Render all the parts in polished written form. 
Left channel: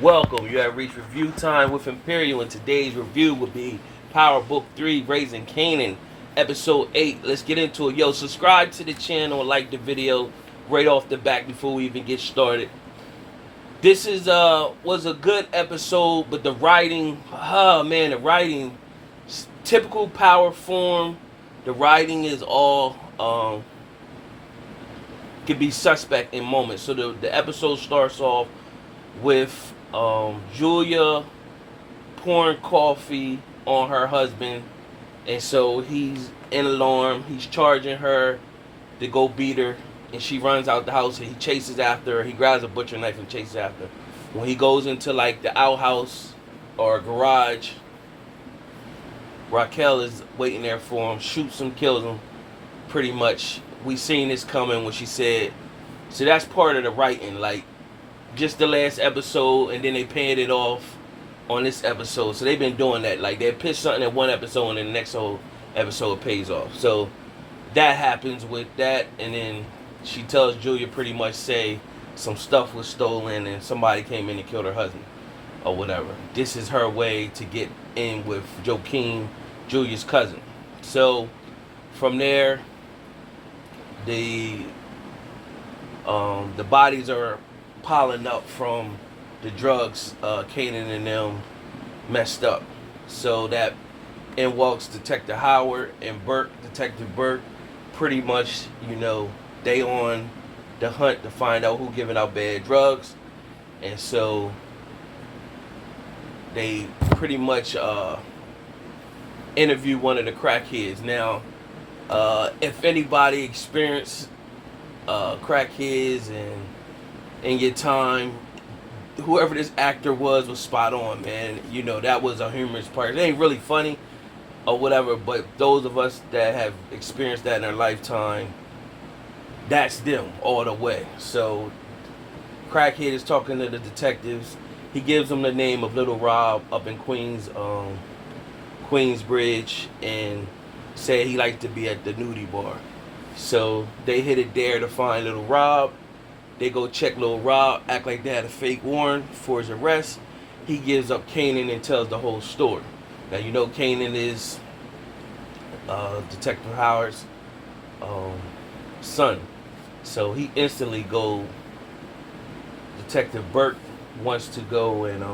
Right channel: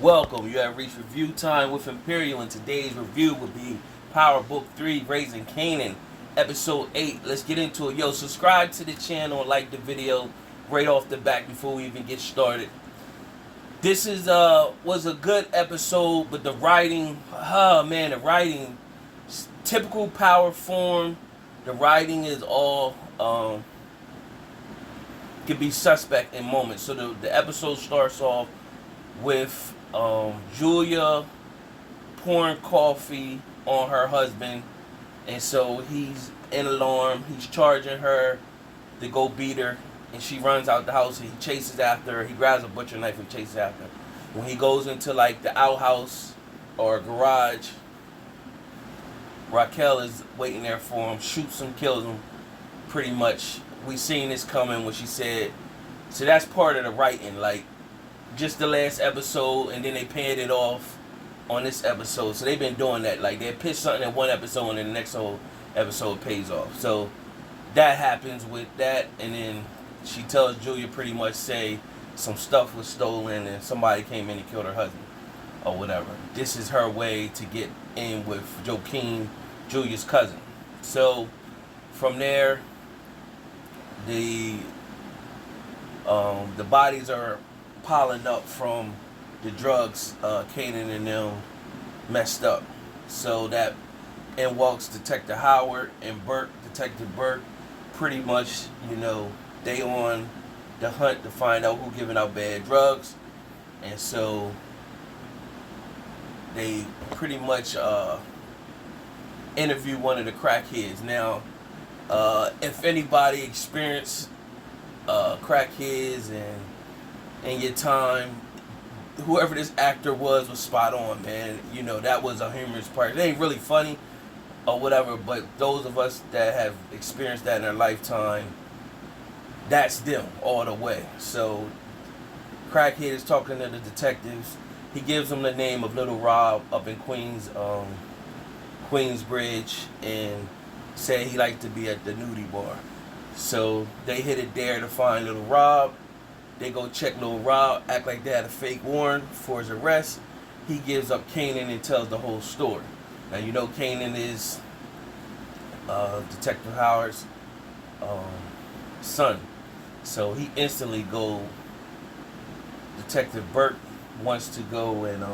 Welcome. You have reached review time with Imperial, and today's review will be Power Book 3, Raising Kanan, Episode 8. Let's get into it. Yo, subscribe to the channel and like the video right off the back before we even get started. This was a good episode, but the writing, the writing, typical Power form. The writing is all could be suspect in moments. So the episode starts off with Julia pouring coffee on her husband, and so he's in alarm. He's charging her to go beat her, and she runs out the house. And he chases after her. He grabs a butcher knife and chases after her. When he goes into like the outhouse or garage, Raquel is waiting there for him, shoots him, kills him. Pretty much, we seen this coming when she said. So that's part of the writing, like just the last episode, and then they panned it off on this episode. So they've been doing that. Like they pitch something in one episode, and then the next whole episode pays off. So that happens with that, and then she tells Julia pretty much say some stuff was stolen and somebody came in and killed her husband or whatever. This is her way to get in with Joaquin, Julia's cousin. So from there, the bodies are piling up from the drugs Kanan and them messed up. So that in walks Detective Howard and Detective Burke. Pretty much, they on the hunt to find out who giving out bad drugs. And so they pretty much interview one of the crackheads. Now, if anybody experienced crackheads and in your time, whoever this actor was spot on, man. That was a humorous part. It ain't really funny or whatever, but those of us that have experienced that in our lifetime, that's them all the way. So crackhead is talking to the detectives. He gives them the name of Little Rob up in Queensbridge, and said he liked to be at the nudie bar. So they hit it there to find Little Rob. They go check Little Rob, act like they had a fake warrant for his arrest. He gives up Kanan and tells the whole story. Now, Kanan is Detective Howard's son. So he instantly go, Detective Burke wants to go and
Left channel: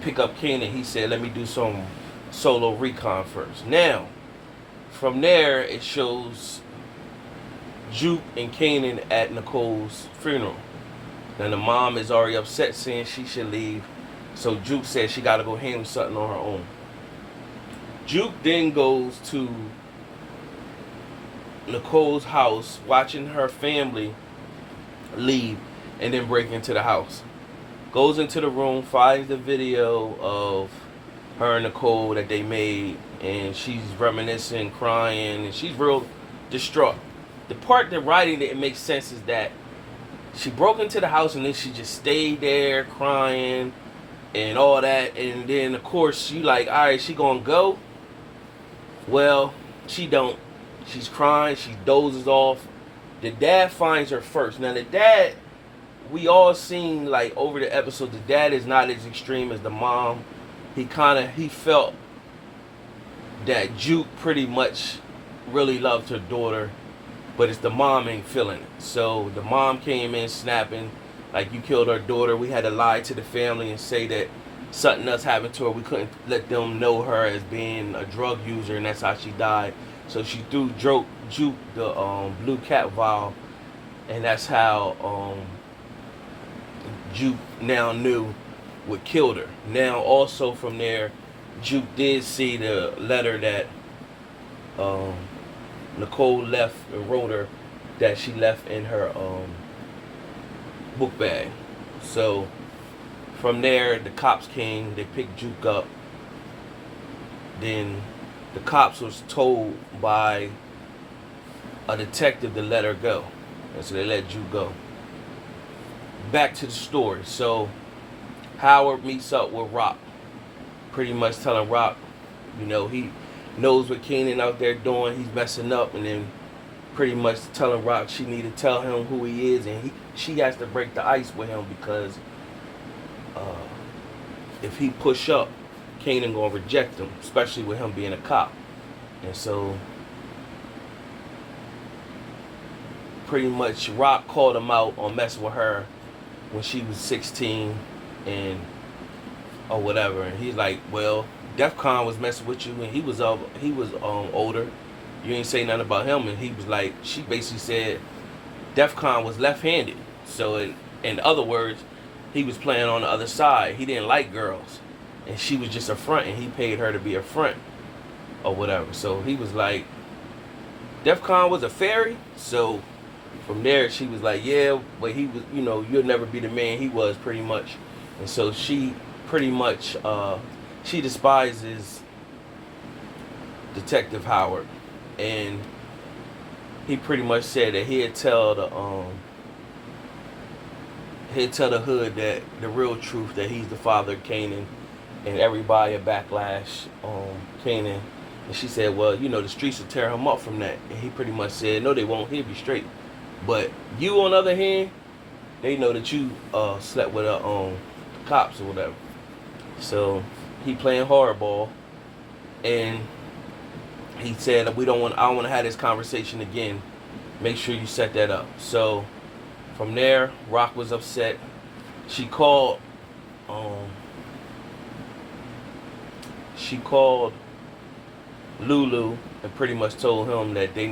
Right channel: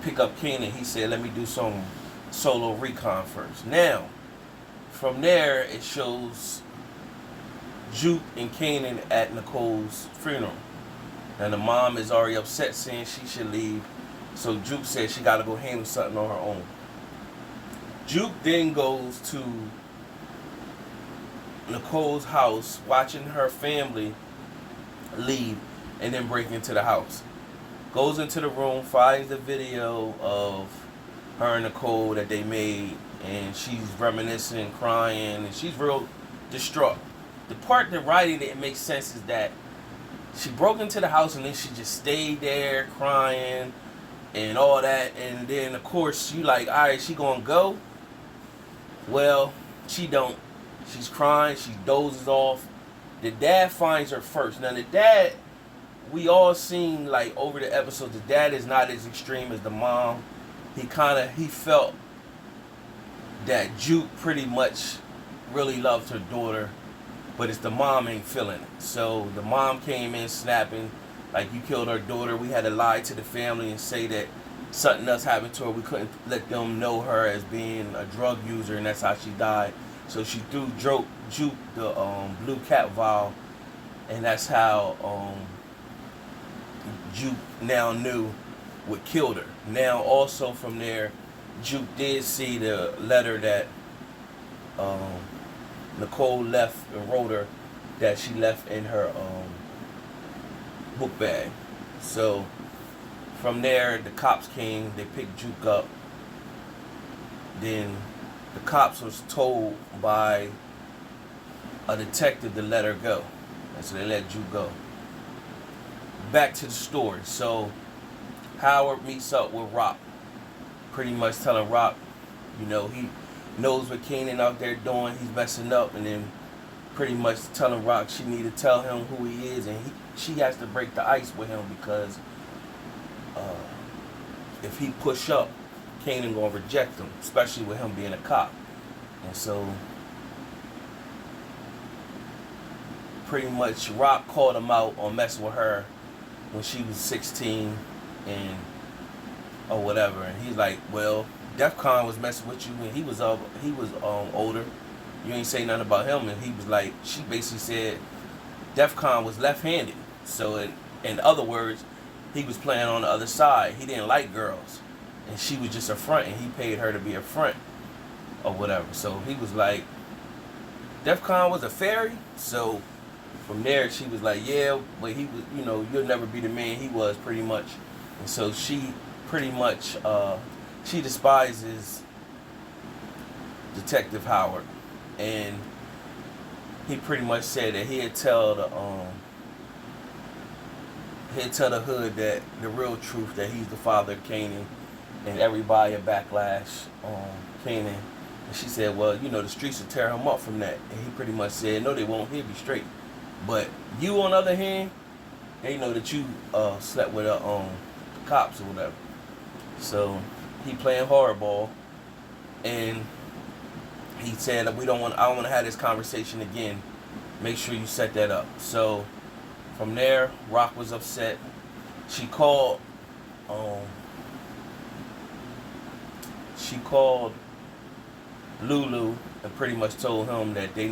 pick up Kanan. He said, let me do some solo recon first. Now, from there, it shows Juke and Kanan at Nicole's funeral. Now the mom is already upset, saying she should leave. So Juke says she got to go handle something on her own. Juke then goes to Nicole's house, watching her family leave, and then break into the house. Goes into the room, finds the video of her and Nicole that they made, and she's reminiscing, crying, and she's real distraught. The part that writing didn't make sense is that she broke into the house and then she just stayed there crying and all that, and then of course she like, all right, she gonna go. Well, she don't. She's crying, she dozes off. The dad finds her first. Now the dad, we all seen like over the episodes, the dad is not as extreme as the mom. He felt that Juke pretty much really loved her daughter, but it's the mom ain't feeling it. So the mom came in snapping, like, you killed our daughter. We had to lie to the family and say that something else happened to her. We couldn't let them know her as being a drug user, and that's how she died. So she threw Juke the blue cat vial, and that's how Juke now knew what killed her. Now also from there, Juke did see the letter that Nicole left and wrote her, that she left in her book bag. So from there, the cops came. They picked Juke up. Then the cops was told by a detective to let her go, and so they let Juke go. Back to the story. So Howard meets up with Raq, pretty much telling Raq, he knows what Kanan out there doing. He's messing up, and then pretty much telling Raq she need to tell him who he is, and she has to break the ice with him because if he push up, Kanan gonna reject him, especially with him being a cop. And so pretty much Raq called him out on messing with her when she was 16 and or whatever. And he's like, well, DEFCON was messing with you when he was older. You ain't say nothing about him. And he was like, she basically said DEFCON was left-handed. So in other words, he was playing on the other side. He didn't like girls. And she was just a front, and he paid her to be a front or whatever. So he was like, DEFCON was a fairy. So from there, she was like, yeah, but he was, you'll never be the man he was, pretty much. And so she pretty much, she despises Detective Howard. And he pretty much said that he'd tell the hood that the real truth, that he's the father of Kanan, and everybody a backlash on Kanan. And she said, well, the streets will tear him up from that. And he pretty much said, no, they won't. He'll be straight. But you, on the other hand, they know that you slept with cops or whatever. So he playing hardball, and he said, I don't want to have this conversation again. Make sure you set that up. So from there, Raq was upset. She called Lulu and pretty much told him that she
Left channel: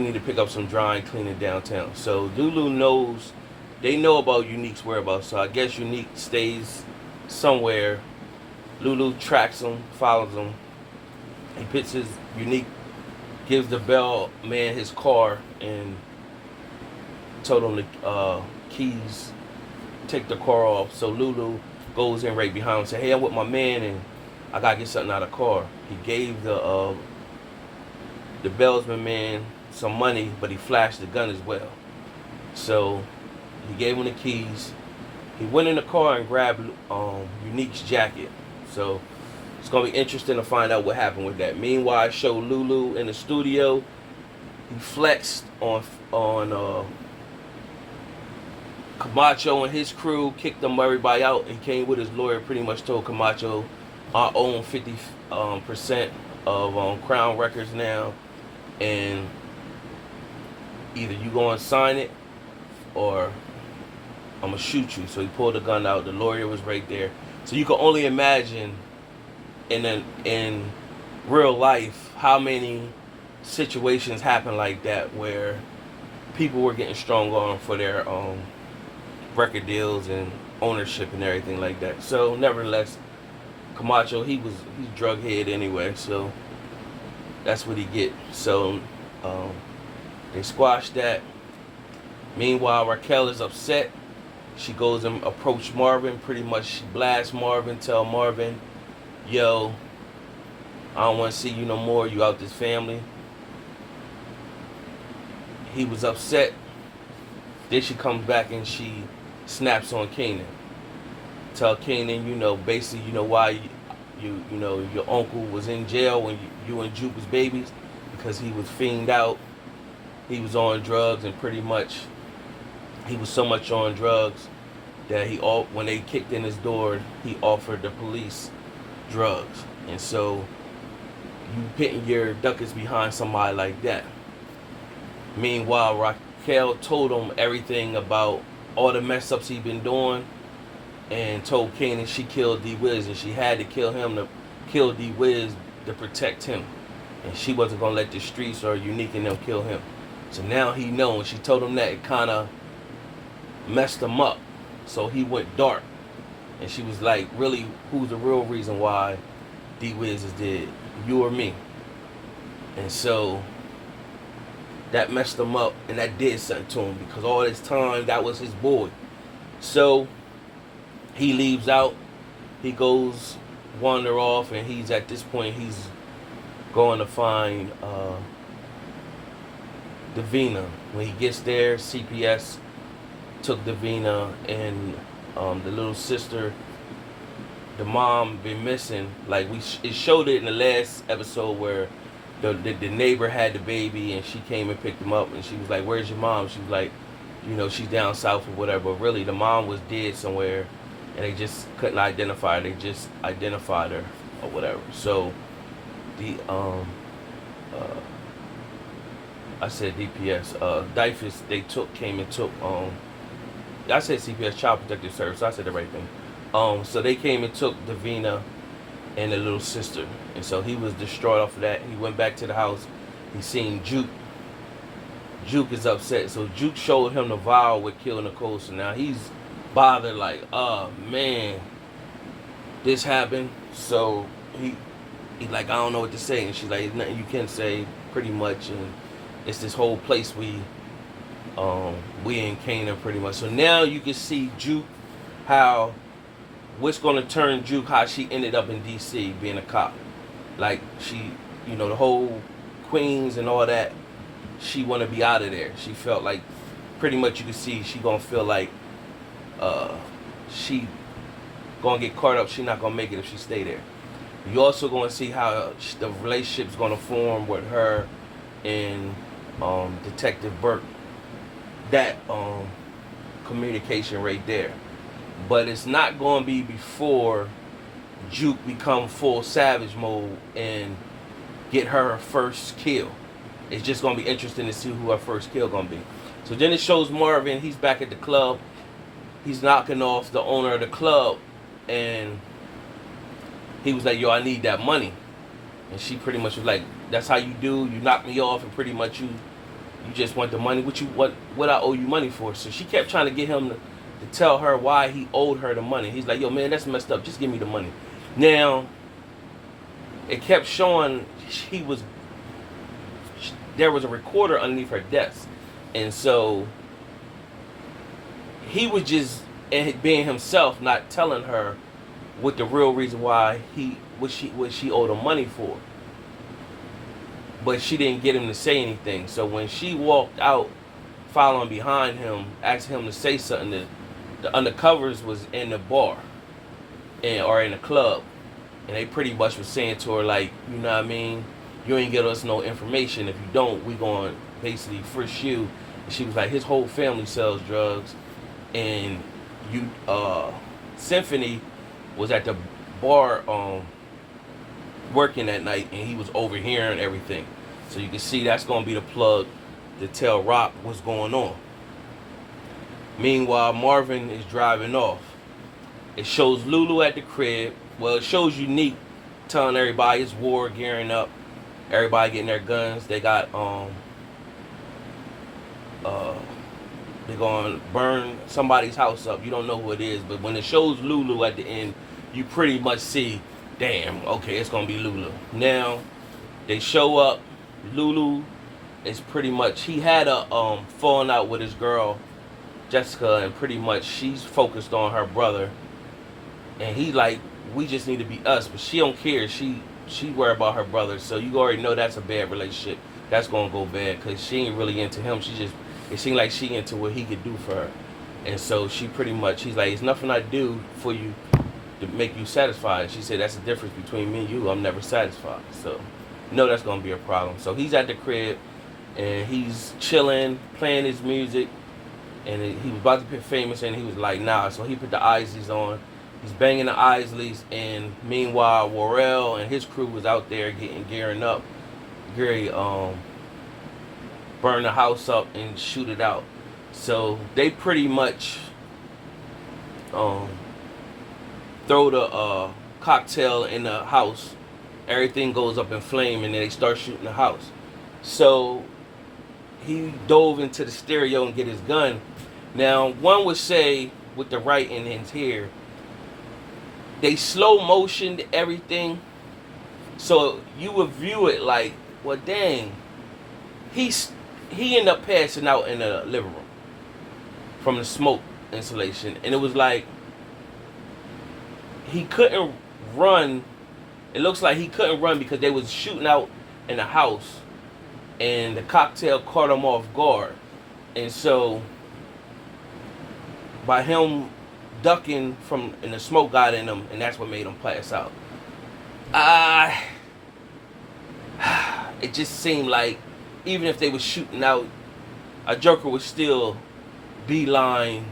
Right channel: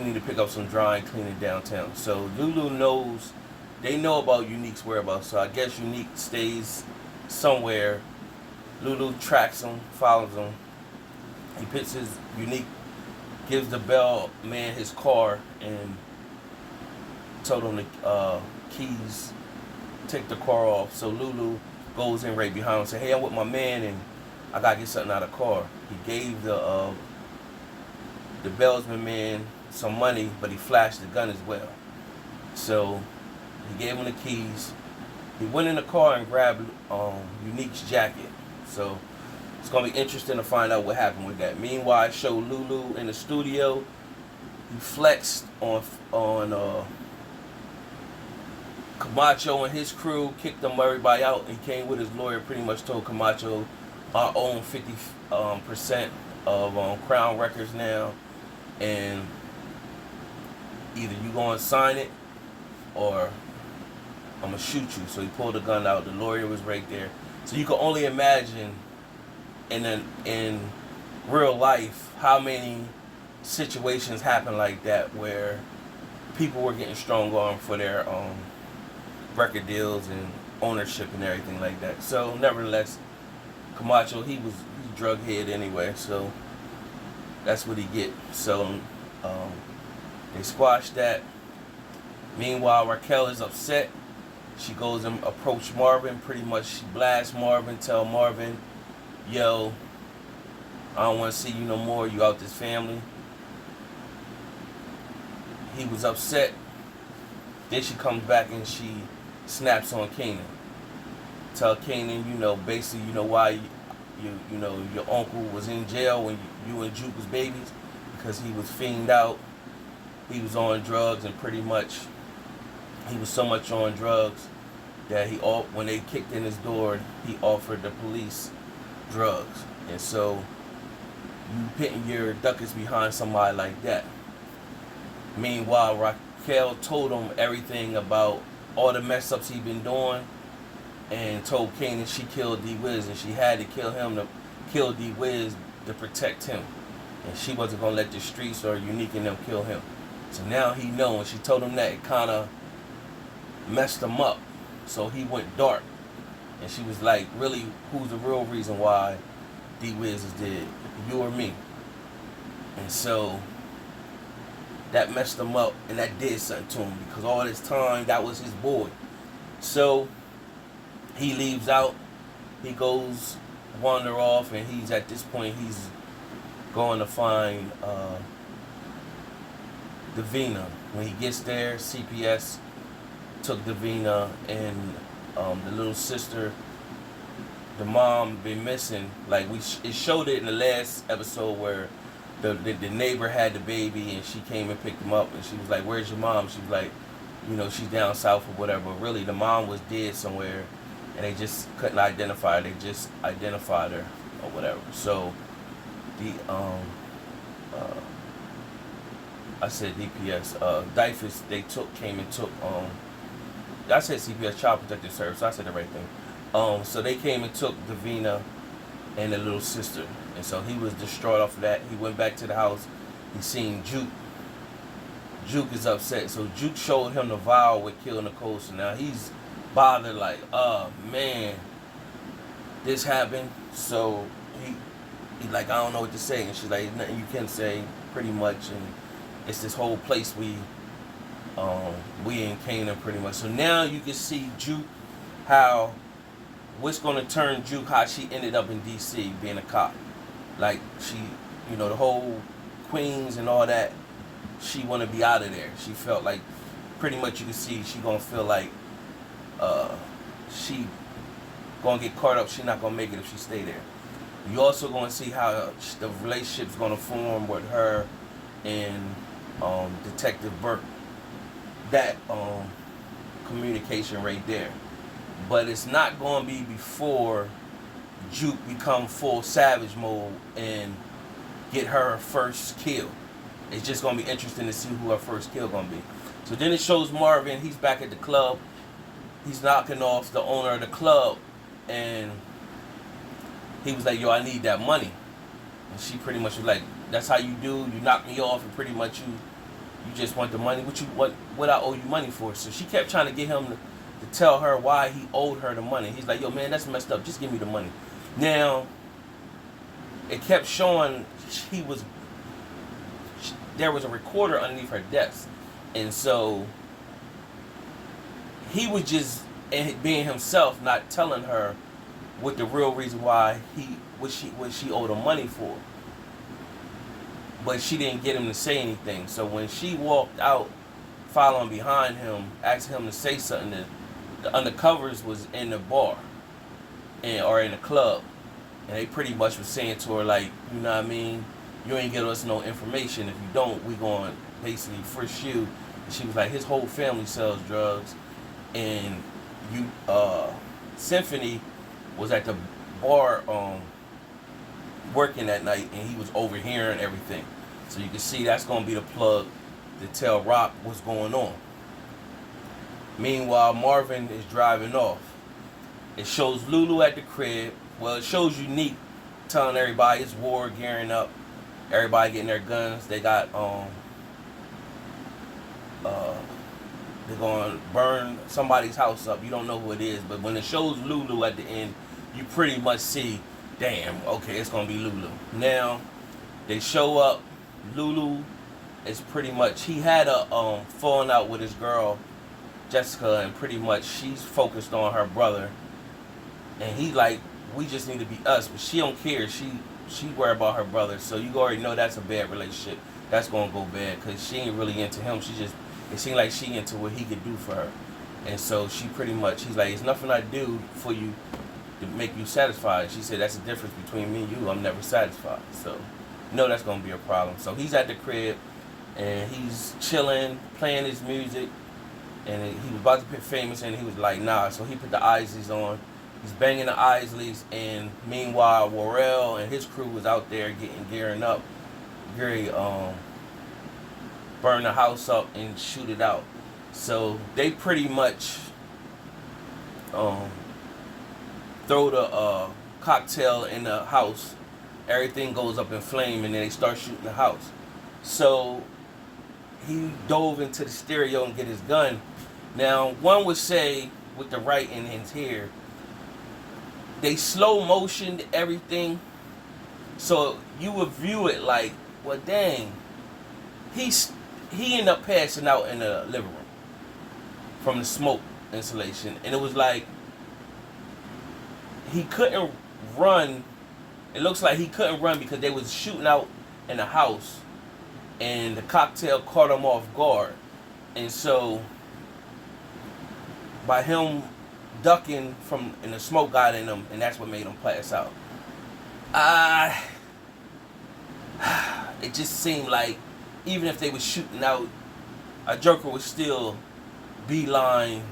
need to pick up some dry and clean it downtown. So Lulu knows, they know about Unique's whereabouts. So I guess Unique stays somewhere. Lulu tracks him, follows him. He puts his Unique, gives the bell man his car and told him the keys, take the car off. So Lulu goes in right behind him and says, hey, I'm with my man and I gotta get something out of the car. He gave the bellsman man some money, but he flashed the gun as well. So he gave him the keys. He went in the car and grabbed Unique's jacket. So it's gonna be interesting to find out what happened with that. Meanwhile, I showed Lulu in the studio. He flexed on Camacho and his crew, kicked them everybody out, and came with his lawyer. Pretty much told Camacho, I own 50% of Crown Records now, and either you gonna sign it or I'm gonna shoot you. So he pulled the gun out. The lawyer was right there. So you can only imagine in real life how many situations happen like that where people were getting strong armed for their record deals and ownership and everything like that. So nevertheless, Camacho, he's drug head anyway, so that's what he get. So they squashed that. Meanwhile, Raquel is upset. She goes and approach Marvin. Pretty much she blasts Marvin, tell Marvin, yo, I don't want to see you no more. You out this family. He was upset. Then she comes back and she snaps on Kanan. Tell Kanan, basically, why your uncle was in jail when you and Juke was babies, because he was fiended out. He was on drugs, and pretty much he was so much on drugs that when they kicked in his door, he offered the police drugs. And so you pitting your ducats behind somebody like that. Meanwhile, Raquel told him everything about all the mess ups he'd been doing, and told Kanan she killed D-Wiz, and she had to kill him to kill D-Wiz to protect him. And she wasn't going to let the streets or Unique and them kill him. So now he knows. She told him that, it kind of messed him up. So he went dark. And she was like, really, who's the real reason why D-Wiz is dead? You or me? And so that messed him up, and that did something to him, because all this time, that was his boy. So he leaves out. He goes wander off, and he's at this point, he's going to find Davina. When he gets there, CPS took Davina, and the little sister, the mom, been missing. Like it showed it in the last episode where the neighbor had the baby, and she came and picked him up, and she was like, "Where's your mom?" She was like, you know, she's down south or whatever. But really, the mom was dead somewhere, and they just couldn't identify her. They just identified her or whatever. So the I said DPS. DIFUS, they came and took I said CPS, Child Protective Service. So I said the right thing. So they came and took Davina and the little sister, and so he was distraught off of that. He went back to the house. He seen Juke. Juke is upset, so Juke showed him the vial with killing Nicole. So now he's bothered, like, oh man, this happened. So he's like, I don't know what to say, and she's like, nothing you can say, pretty much. And it's this whole place we in Kanan, pretty much. So now you can see Juke, how what's gonna turn Juke, how she ended up in DC being a cop. Like, she, you know, the whole Queens and all that, she wanna be out of there. She felt like, pretty much you can see she gonna feel like she gonna get caught up. She not gonna make it if she stay there. You also gonna see how the relationship's gonna form with her and Detective Burke. That communication right there. But it's not going to be before Juke become full savage mode and get her first kill. It's just going to be interesting to see who her first kill going to be. So then it shows Marvin. He's back at the club. He's knocking off the owner of the club, and he was like, yo, I need that money. And she pretty much was like, that's how you do? You knock me off, and pretty much you just want the money. What I owe you money for? So she kept trying to get him to tell her why he owed her the money. He's like, yo, man, that's messed up. Just give me the money. Now, it kept showing there was a recorder underneath her desk. And so he was just being himself, not telling her what the real reason why what she owed him money for. But she didn't get him to say anything. So when she walked out, following behind him, asking him to say something, the undercovers was in the bar or in the club, and they pretty much was saying to her, like, you know what I mean, you ain't give us no information. If you don't, we going to basically frisk you. And she was like, his whole family sells drugs, and Symphony was at the bar working that night, and he was overhearing everything. So you can see that's going to be the plug to tell Raq what's going on. Meanwhile, Marvin is driving off. It shows Lulu at the crib. Well, it shows Unique telling everybody it's war, gearing up. Everybody getting their guns. They got they're going to burn somebody's house up. You don't know who it is, but when it shows Lulu at the end, you pretty much see, damn, okay, it's going to be Lulu. Now, they show up. Lulu is pretty much, he had a falling out with his girl, Jessica, and pretty much she's focused on her brother. And he like, we just need to be us, but she don't care. She worried about her brother, so you already know that's a bad relationship. That's going to go bad, because she ain't really into him. It seemed like she into what he could do for her. And so she pretty much, he's like, it's nothing I do for you to make you satisfied. She said, that's the difference between me and you. I'm never satisfied. So, no, that's going to be a problem. So he's at the crib, and he's chilling, playing his music, and he was about to get famous, and he was like, nah. So he put the Isleys on. He's banging the Isleys, and meanwhile, Worrell and his crew was out there gearing up. Gary burn the house up and shoot it out. So they pretty much throw the cocktail in the house. Everything goes up in flame, and then they start shooting the house. So he dove into the stereo and get his gun. Now, one would say, with the right in his hair, they slow motioned everything, so you would view it like, well, dang, he ended up passing out in the living room from the smoke insulation, and it was like he couldn't run. It looks like he couldn't run because they was shooting out in the house, and the cocktail caught him off guard, and so by him ducking and the smoke got in him, and that's what made him pass out. It just seemed like even if they was shooting out, a Joker would still beeline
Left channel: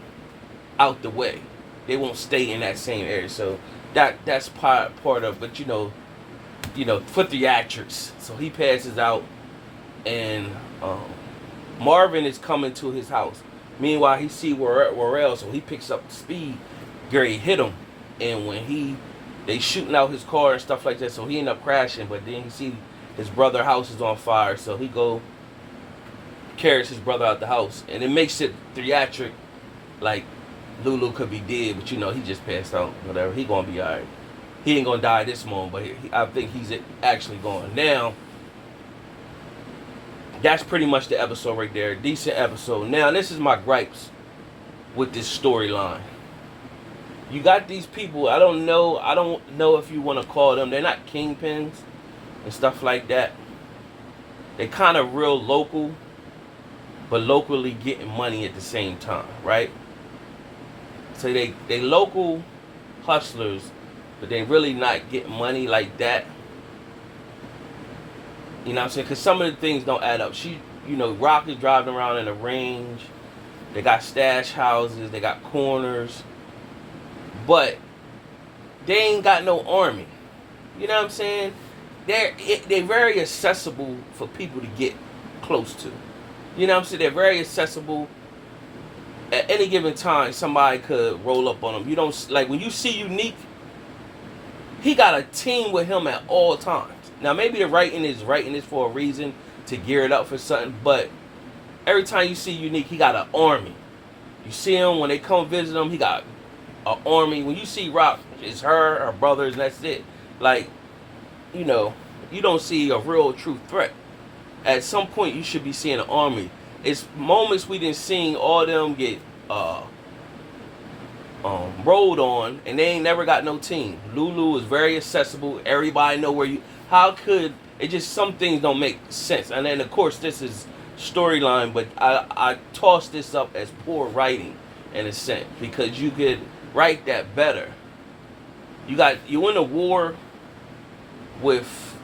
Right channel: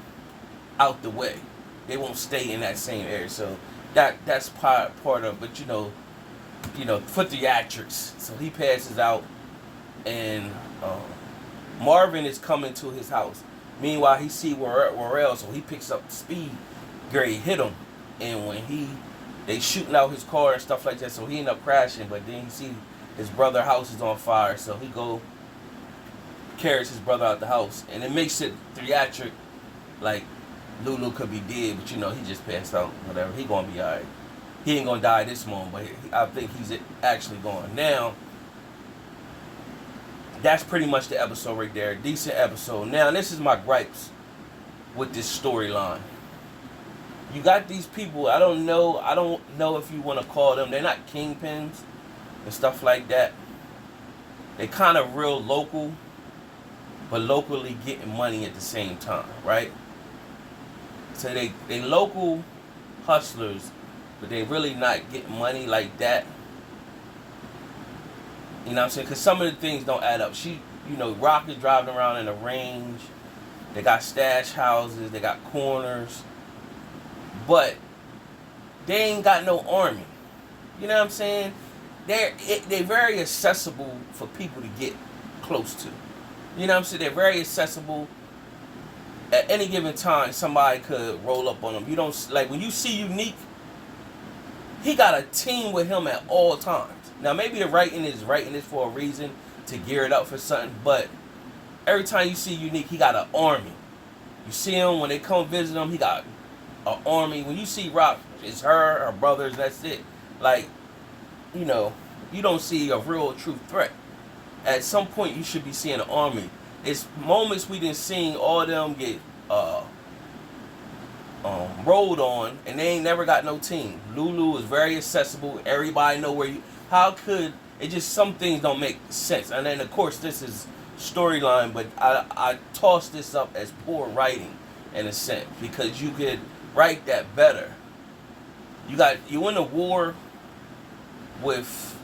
out the way. They won't stay in that same area. So that's part of, but for theatrics. So he passes out, and Marvin is coming to his house. Meanwhile, he see Warrell, so he picks up speed. Gary hit him, and when they shooting out his car and stuff like that, so he end up crashing. But then he see his brother's house is on fire, so he carries his brother out the house, and it makes it theatric, like Lulu could be dead, but he just passed out. Whatever, he gonna be alright. He ain't gonna die this moment, but I think he's actually going. Now, that's pretty much the episode right there. Decent episode. Now, this is my gripes with this storyline. You got these people, I don't know if you want to call them, they're not kingpins and stuff like that. They kind of real local, but locally getting money at the same time, right? So they local hustlers, but they really not getting money like that. You know what I'm saying? Because some of the things don't add up. Raq is driving around in a range. They got stash houses. They got corners. But they ain't got no army. You know what I'm saying? They're very accessible for people to get close to. You know what I'm saying? They're very accessible. At any given time, somebody could roll up on them. You don't, like, when you see Unique, he got a team with him at all times. Now, maybe the writing is writing this for a reason, to gear it up for something, but every time you see Unique, he got an army. You see him, when they come visit him, he got an army. When you see Raq, it's her brothers, that's it. Like, you don't see a real true threat. At some point, you should be seeing an army. It's moments we didn't see all them get rolled on, and they ain't never got no team. Lulu is very accessible. Everybody know where you. How could it just, some things don't make sense? And then of course this is storyline, but I toss this up as poor writing in a sense, because you could write that better. You in a war with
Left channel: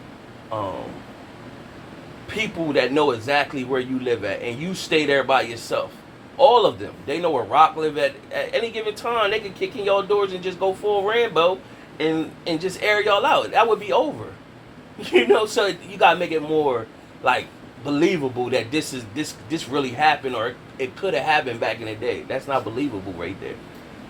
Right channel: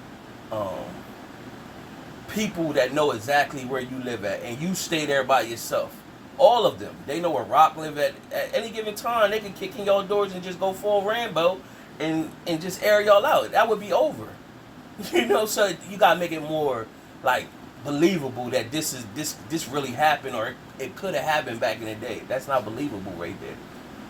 people that know exactly where you live at, and you stay there by yourself. All of them, they know where Raq live at any given time. They can kick in your doors and just go full Rambo and just air y'all out. That would be over. So you gotta make it more like believable that this really happened, or it could have happened back in the day. That's not believable right there,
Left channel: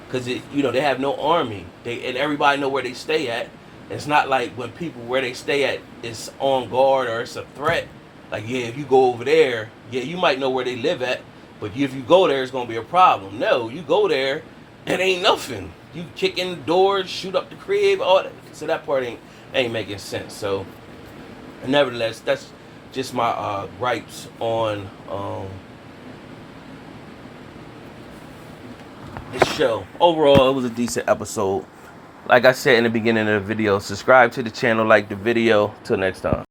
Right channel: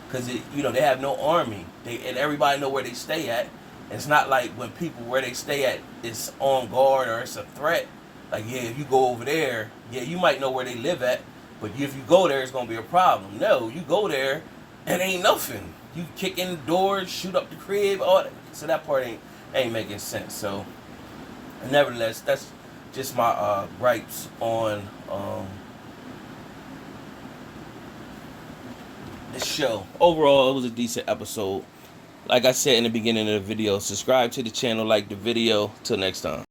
because they have no army. And everybody know where they stay at. It's not like when people where they stay at is on guard or it's a threat. Like, yeah, if you go over there, yeah, you might know where they live at, but if you go there, it's gonna be a problem. No, you go there, it ain't nothing. You kick in the doors, shoot up the crib, all that. So that part ain't making sense. So, nevertheless, that's just my gripes on this show. Overall, it was a decent episode. Like I said in the beginning of the video, subscribe to the channel, like the video. Till next time.